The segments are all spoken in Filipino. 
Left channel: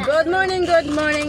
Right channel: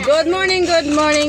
Good morning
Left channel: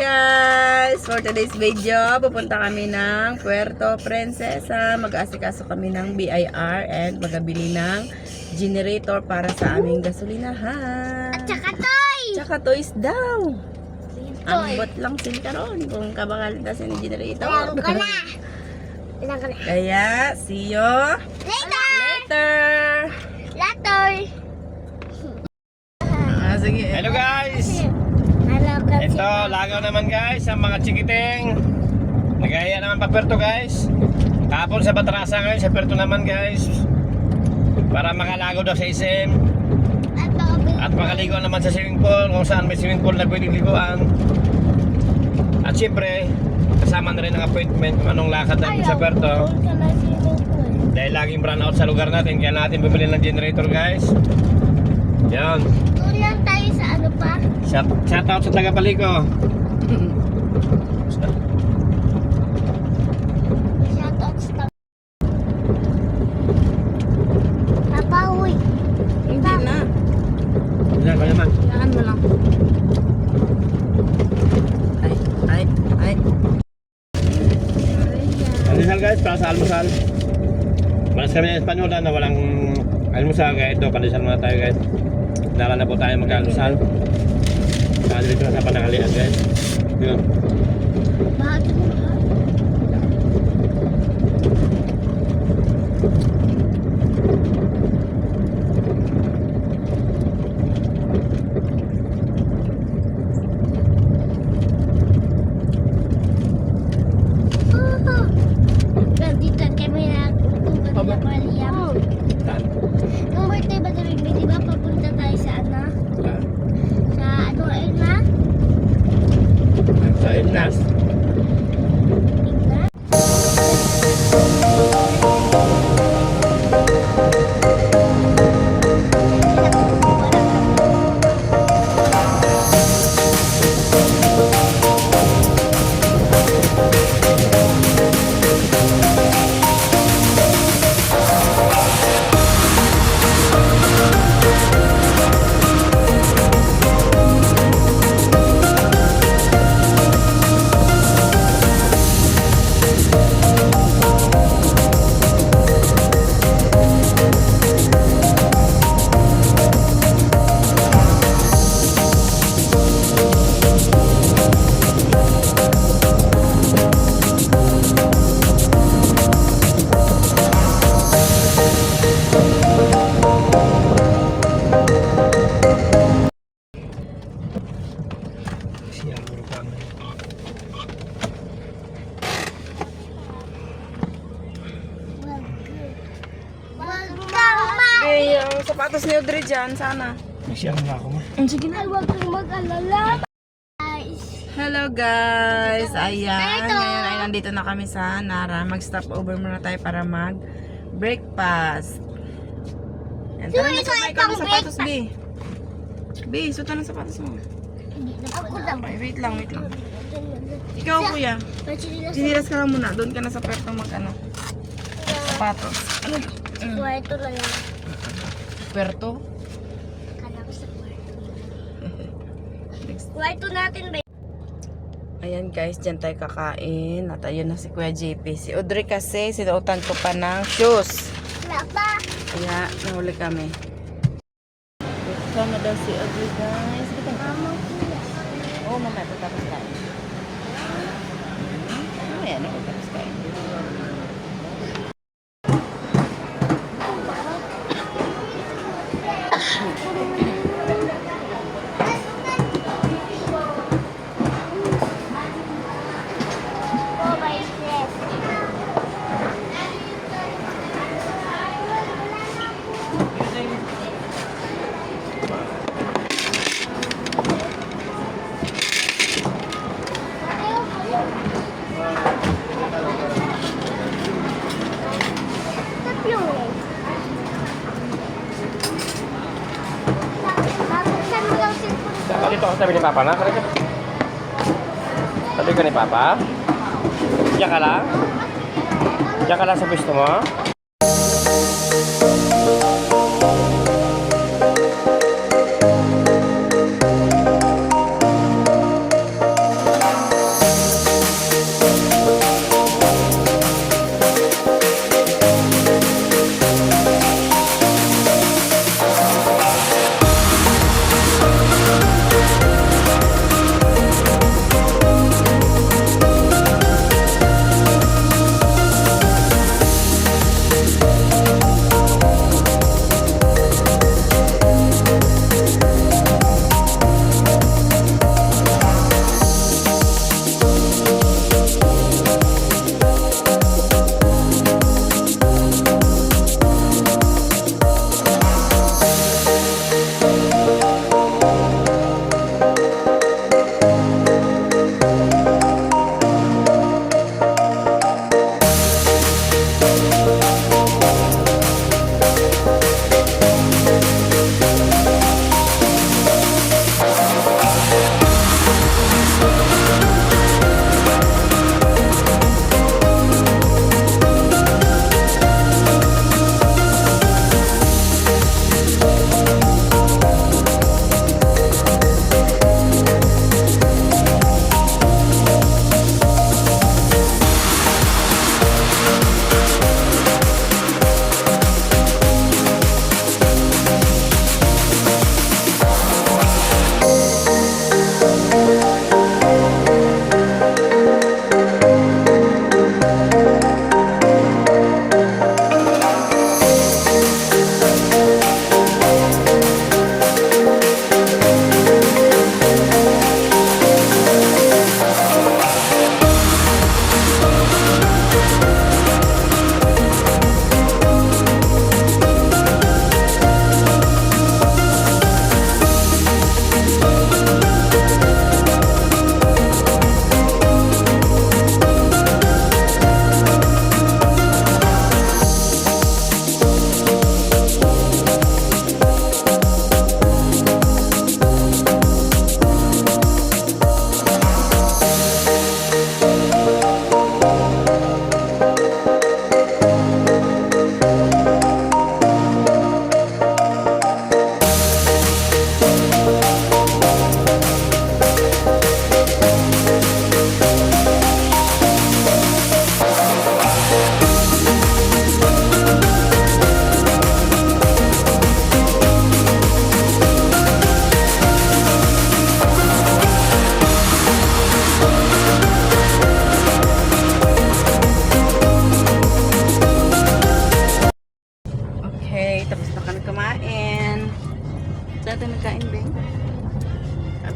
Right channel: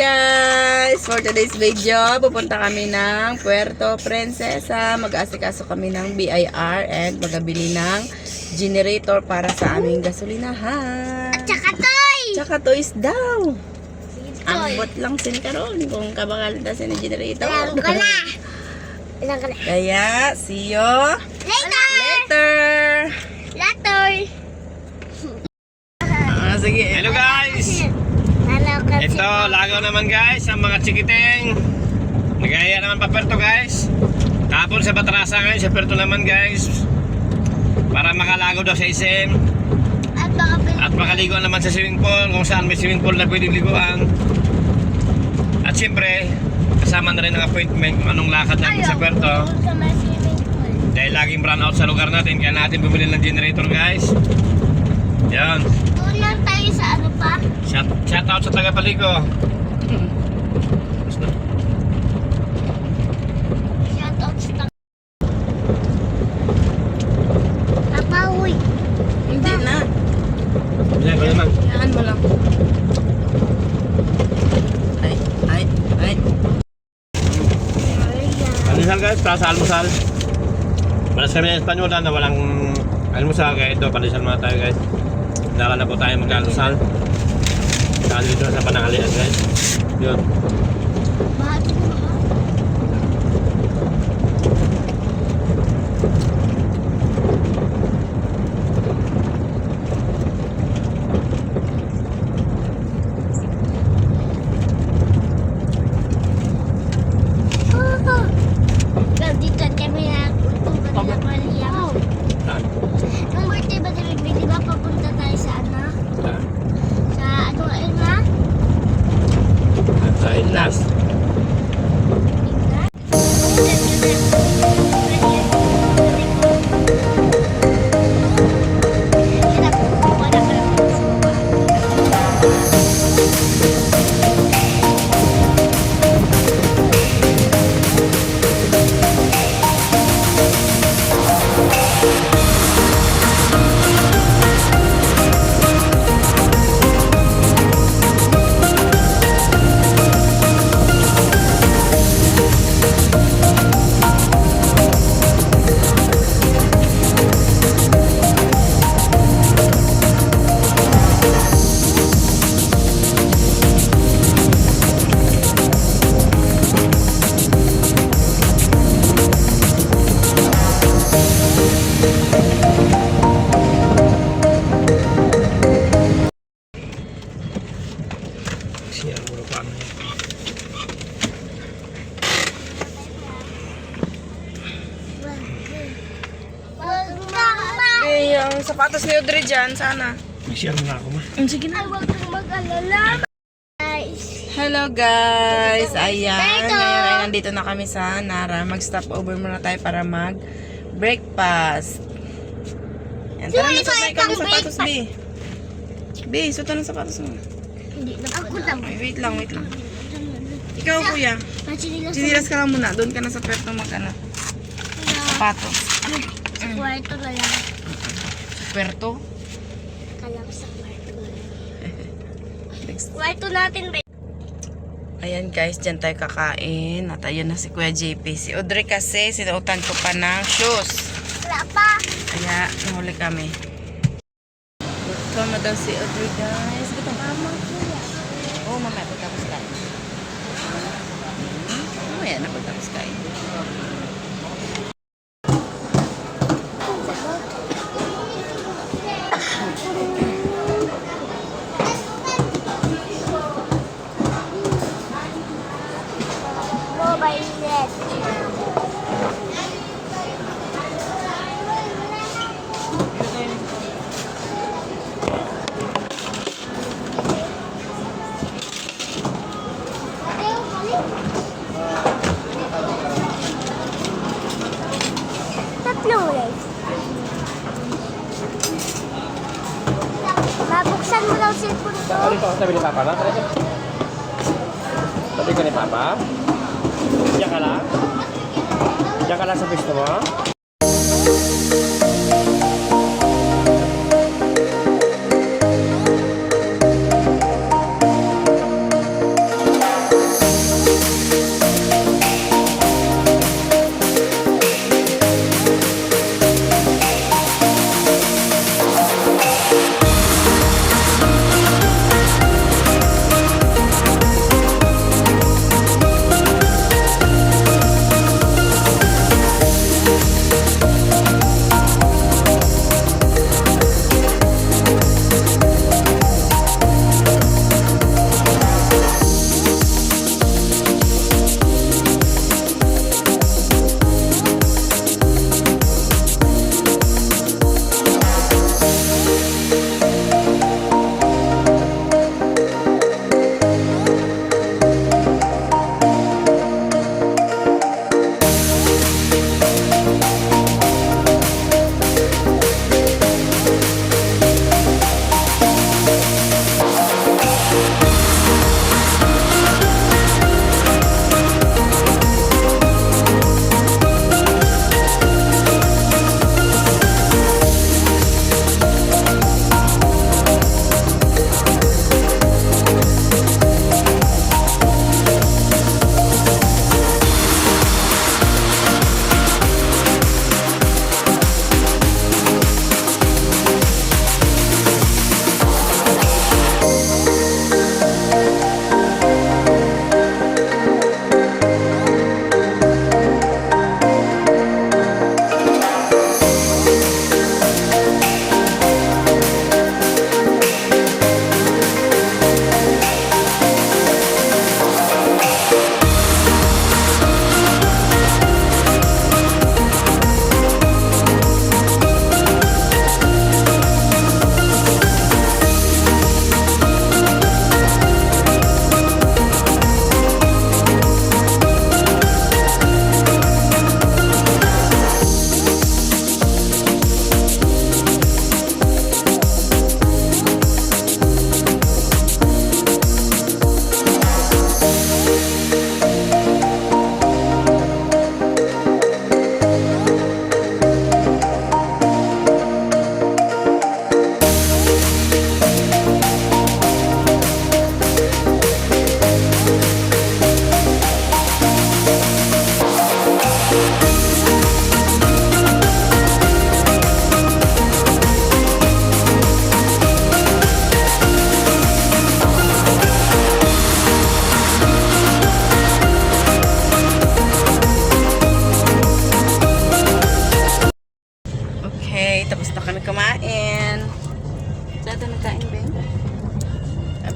guys! For today's video, pupunta kami ng Puerto Princesa. Mag-aasikaso kami ng BIR and magabili ng generator para sa aming gasolinahan. Tsaka toys daw. Ambot lang sin karon kung kabakal na sin generator. Kaya, see you later. Sige. Hello guys! Ito, lagaw naman guys, ang mga chikiting. Nagaya naman pa Puerto guys. Tapon sa Batrasa ngayon, sa Puerto naman guys. Para makalagaw daw sa SM. At makaligo naman sa swimming pool, kung saan may swimming pool na pwede liguan. At syempre, kasama na rin ang appointment kung anong lakad natin sa Puerto. Dahil laging run out sa lugar natin, kaya natin bumili ng generator guys. Yan. Tunan tayo sa ano pa? Shout out sa taga-Paliko. Basta. Shout out sa Apawi. Hindi na. Yan, ba naman? Yan mo lang. Ay. Pandesal guys, para sa almusal. Malas kami ng Espanyola na walang almusal, kaya ito, pandesal muna tayo guys. Dala na po tayo mag-almusal. Saan dito sa panangalian guys. Yun. Bahagi mo ba? Dito kami pupunta na Paliam. Yung birthday ba di ba papunta tayo sa ano? Sa ano na? Sa Inlas. Yung sapatos ni Audrey dyan, sana. Magsiyang na ako ma. Sige na. Huwag kang mag-alala. Guys. Hello guys! Ayan, ngayon ay nandito na kami sa Nara. Mag-stop over muna tayo para mag-breakfast. Yan, tara na sabay ka ng sapatos, B. B, suta ng sapatos mo. Hindi na ako lang. Ay, wait lang. Ikaw, kuya. Sinilas ka lang muna. Doon ka na sa Puerto mag-ano. Sapatos. Sa kwarto na lang. Puerto? Kalam sa kwarto na lang. Kwarto natin ba? Ayan guys, dyan tayo kakain. At ayun na si Kuya JP. Si Audrey kasi, sinuutan ko pa ng shoes. Wala pa. Kaya, nahuli kami. Kama daw si Audrey guys. Dito ka. Mama kuya. Oo, mamaya pagtapos kain. Mamaya na pagtapos kain. Tatlong legs. Babuksan mo lang si... Dito ako tabi ni Papa na. Tabi ka ni Papa? Diyan ka lang? Diyan ka lang sa pwesto mo?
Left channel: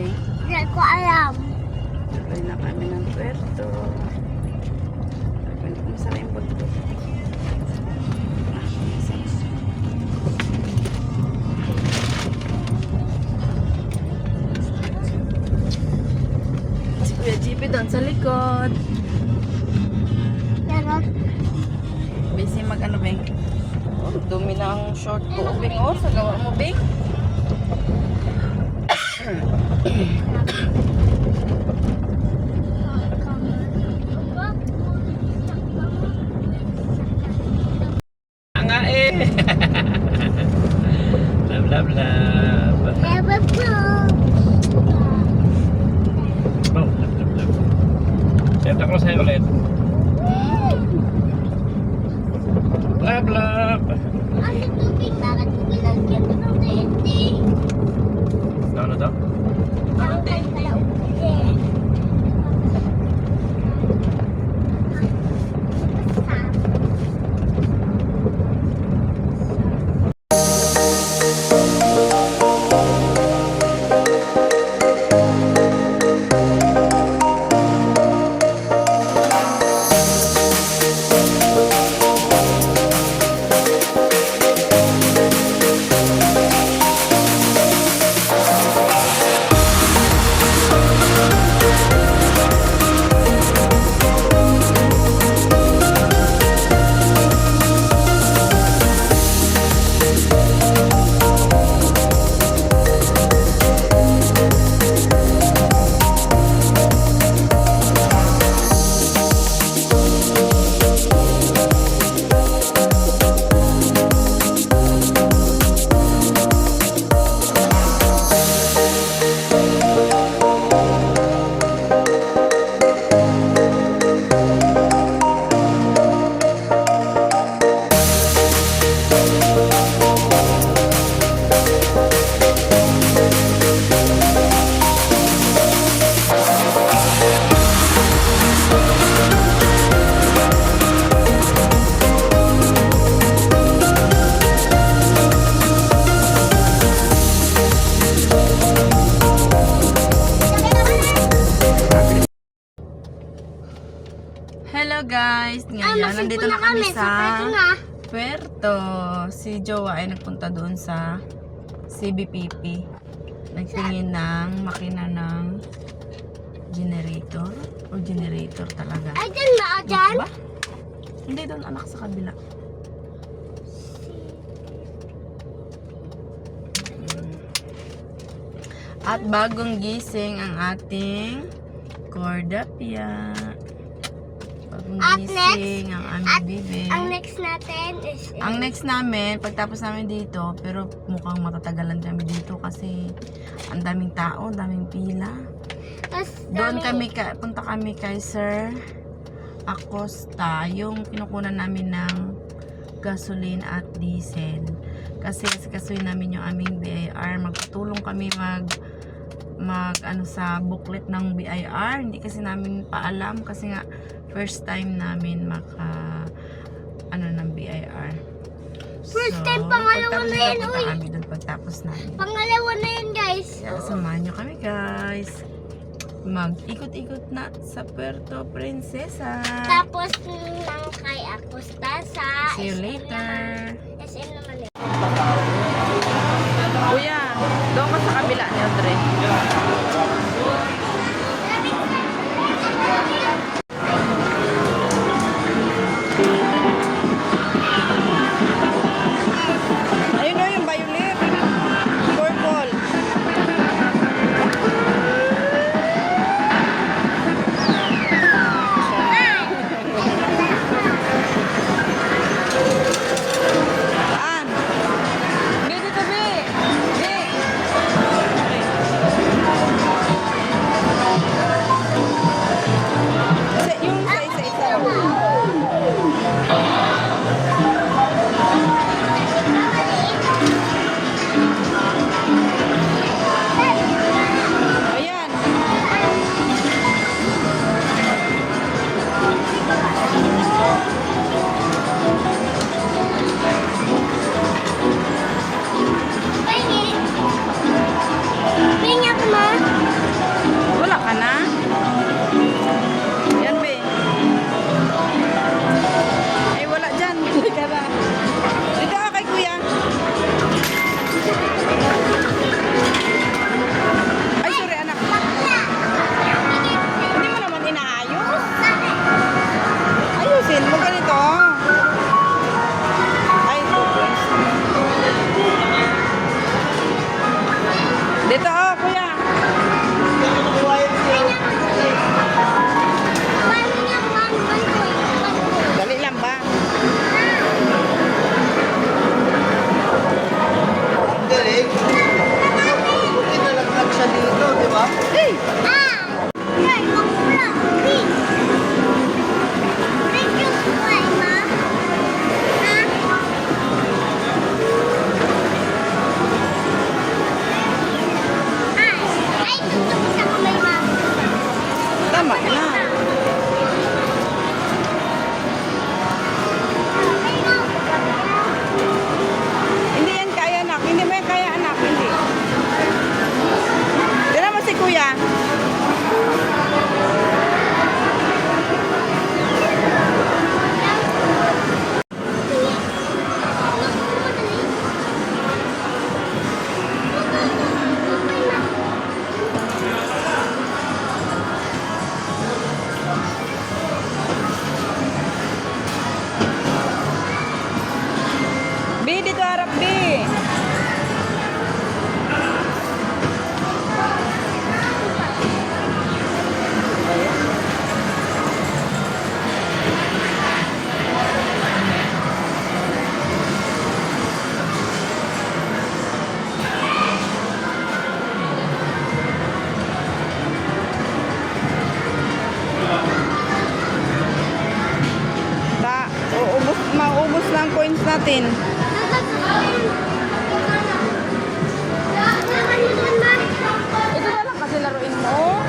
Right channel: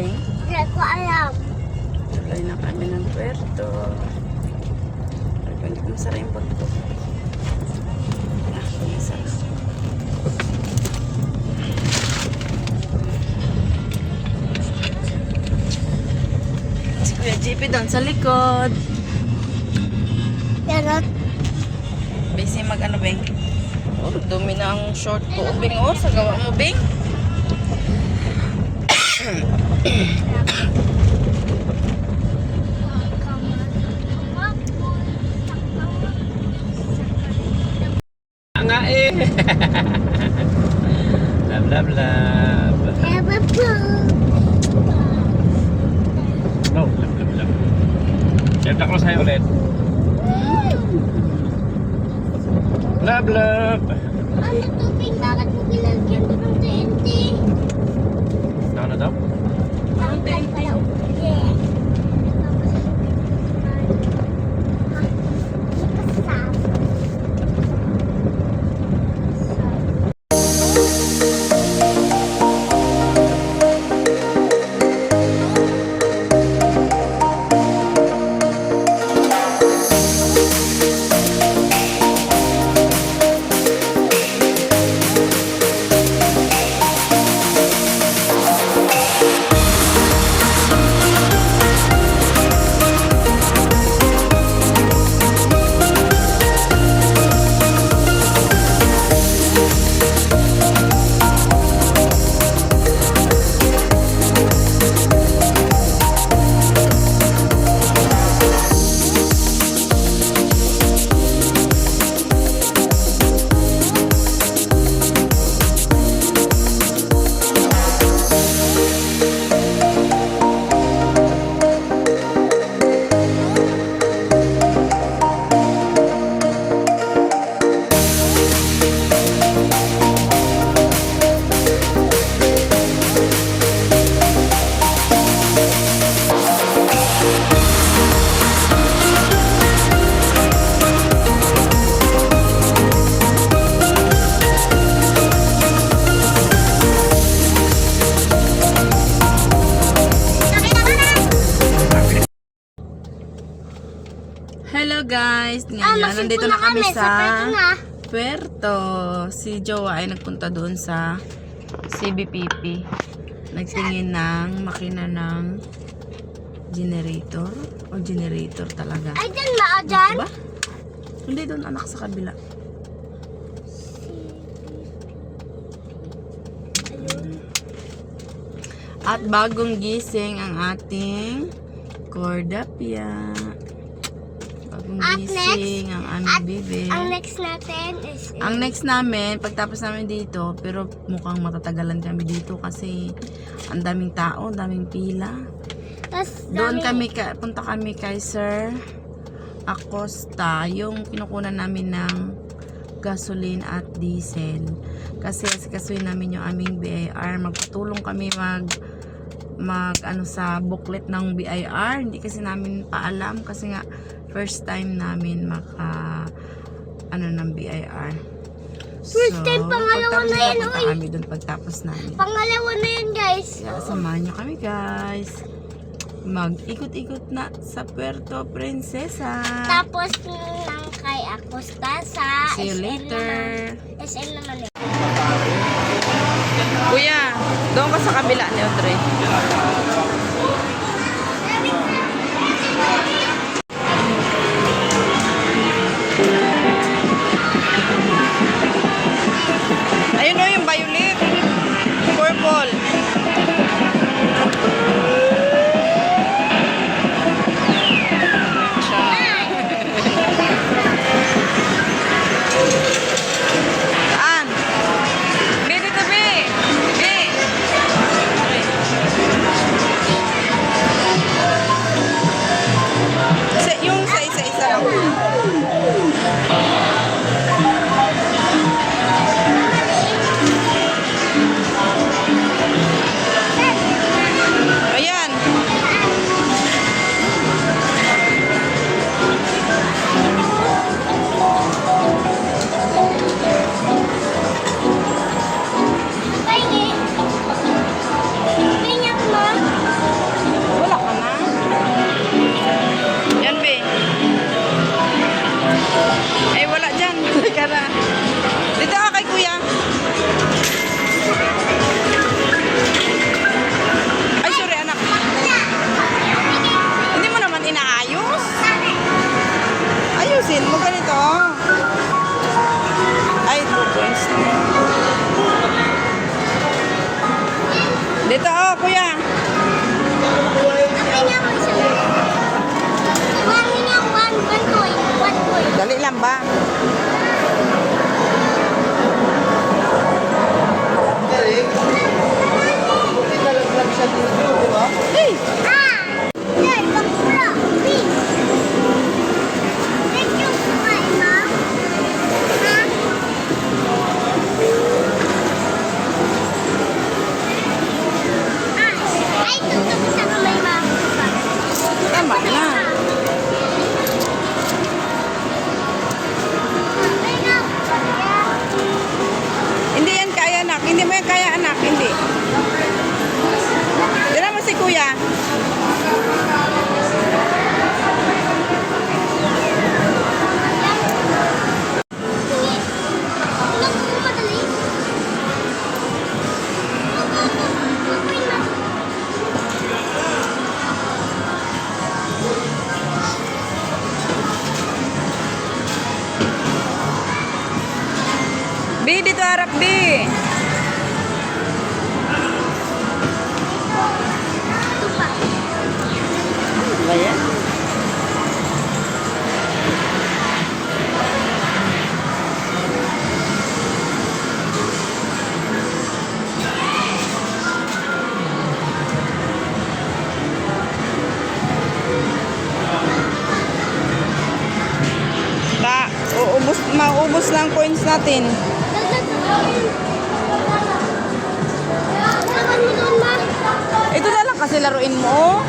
Beng? Hindi ko alam. Tuloy na kami ng Puerto. Ay, hindi ko masara yung bag ko. Ah, masara. Si Kuya JP doon sa likod. Pero, Busy mag ano, Beng? Oh, dumi na ang short ko, Beng. Oh, sa gawa mo, Beng. Nga eh. Love, love, love. have a book. Oh, love, love, love. Kaya ko sa'yo ulit. Love, love. Ano tubig? Bakit mo binagyan ko ng TNT? Ano daw? Ang kahit pala uputi. Hello guys! Ngayon, nandito na kami sa Puerto. Si Jowa ay nagpunta doon sa CBPP. Nagtingin ng makina ng generator. O generator talaga. Ay, dyan ba? Dyan? Ba? Hindi doon, anak, sa kabila. At bagong gising ang ating Cordapia. Bagong At gising ang aming bibi. Ang next natin is... Ang next namin, pagtapos namin dito, pero mukhang matatagalan kami dito kasi ang daming tao, daming pila. Doon kami, punta kami kay Sir Acosta, yung kinukunan namin ng gasoline at diesel. Kasi kasuin namin yung aming BIR. Magpatulong kami mag ano sa booklet ng BIR. Hindi kasi namin paalam kasi nga first time namin maka ano ng BIR. First time, pangalawa na yan, punta kami doon pagtapos namin. Pangalawa na yun, guys. Kaya samahan nyo kami guys. Mag-ikot-ikot na sa Puerto Princesa. Tapos nang kay Acosta sa See you SM later. naman. SM naman eh. Kuya, doon ka sa kabila ni Audrey. Ayun o yung violet. Purple. Saan? Be, dito, Be. Be. yan ba? Galing. Pinalaglag siya dito, di ba? Hey! Yan, bakura. Big. Big yung kumain mo. Ha? Ay, ito sa kamay mo. Tama na. Hindi yan kaya anak. Hindi mo yan kaya anak. Hindi. Dala mo si kuya. Bi, dito harap, Bi. Ano ba yan? Maubos lang coins natin. Ito na lang kasi laruin mo.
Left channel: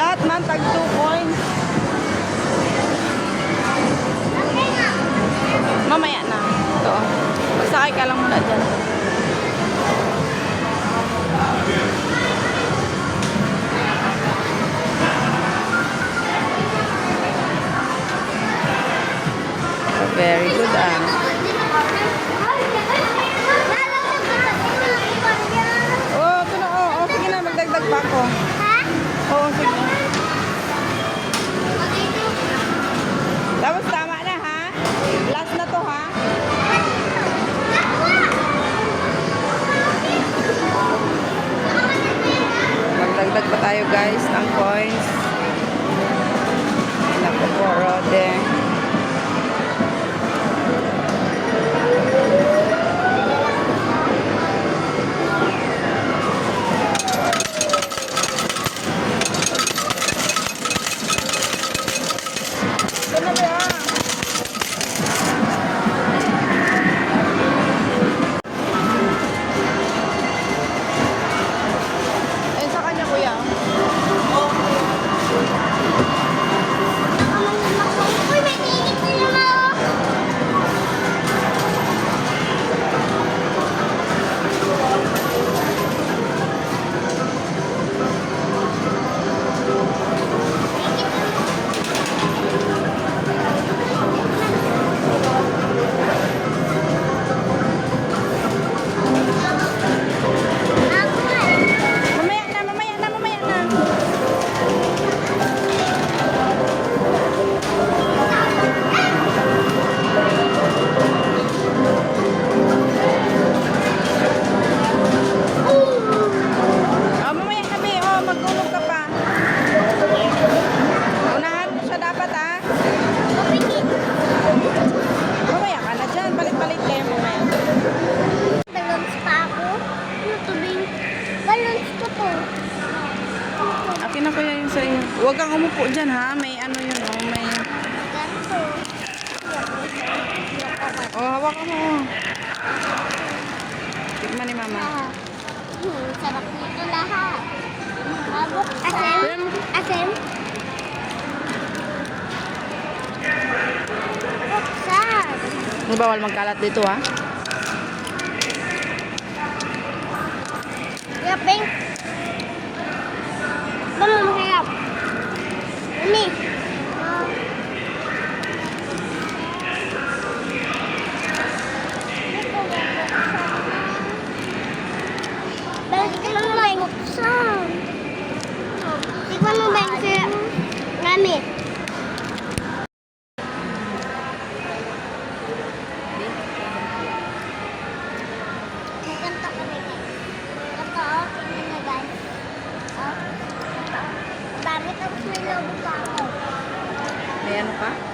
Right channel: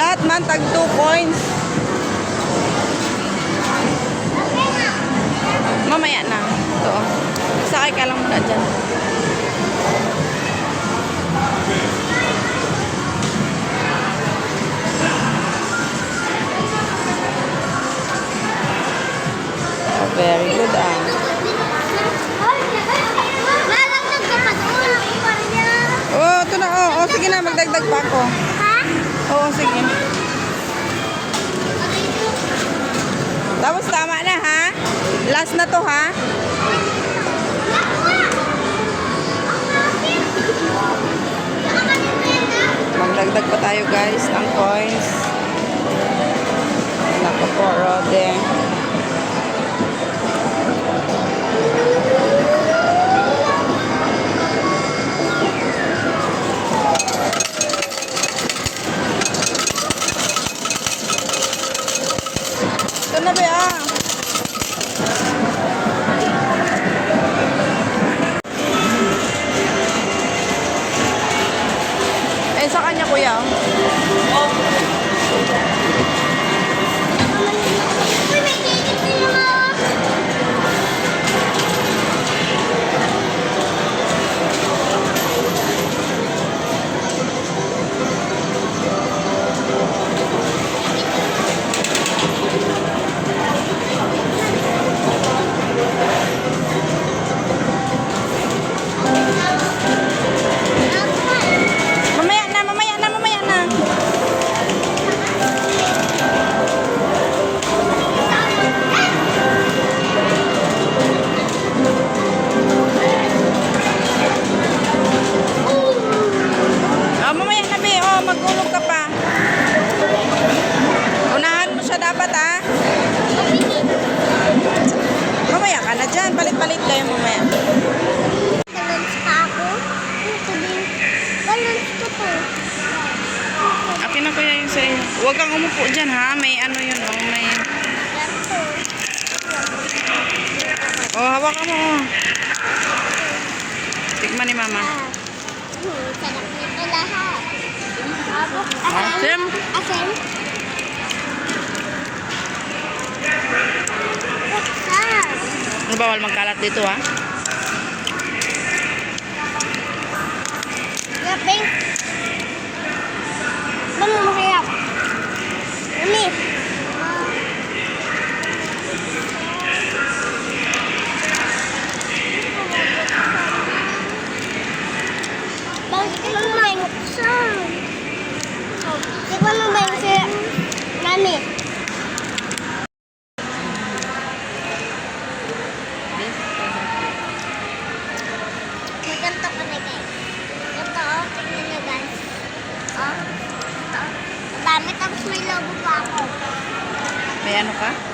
Lahat man tag 2 coins. Mamaya na. Ito. Magsakay ka lang muna dyan. Very good ah. Oh, ito na. Oh, sige na. Magdagdag pa ako. Ha? Oo, sige. Tapos tama na ha. Last na to ha. Magdagdag pa tayo guys ng coins. Nako po, Rode. Ito na ba? Ayun sa kanya kuya. Uy, may ticket din mo. Mamaya na, mamaya na, mamaya na. Oh, mamaya na, Be. Oh, magulog ka pa. Unahan mo siya dapat, ha? Mamaya ka na dyan. Palit-palit kayo mamaya. Balance pa ako. Ito din. Balance ko to. Akin na kuya yung sa'yo. Huwag kang umupo dyan, ha? May ano yun, oh. May... Oh, hawakan mo, oh. Tikman ni mama. Sarap nito lahat. Asim? Asim? Asim? Buksan. Ano bawal magkalat dito, ha? Yaping. Mama, mahirap. Mami. Bakit ka lang main? Siguro mo ba yung sila? Mami. Maganto ka na guys. Ito oh, tingnan nyo guys. Oh, ito. Madami tapos may lobo pa ako. ano ka?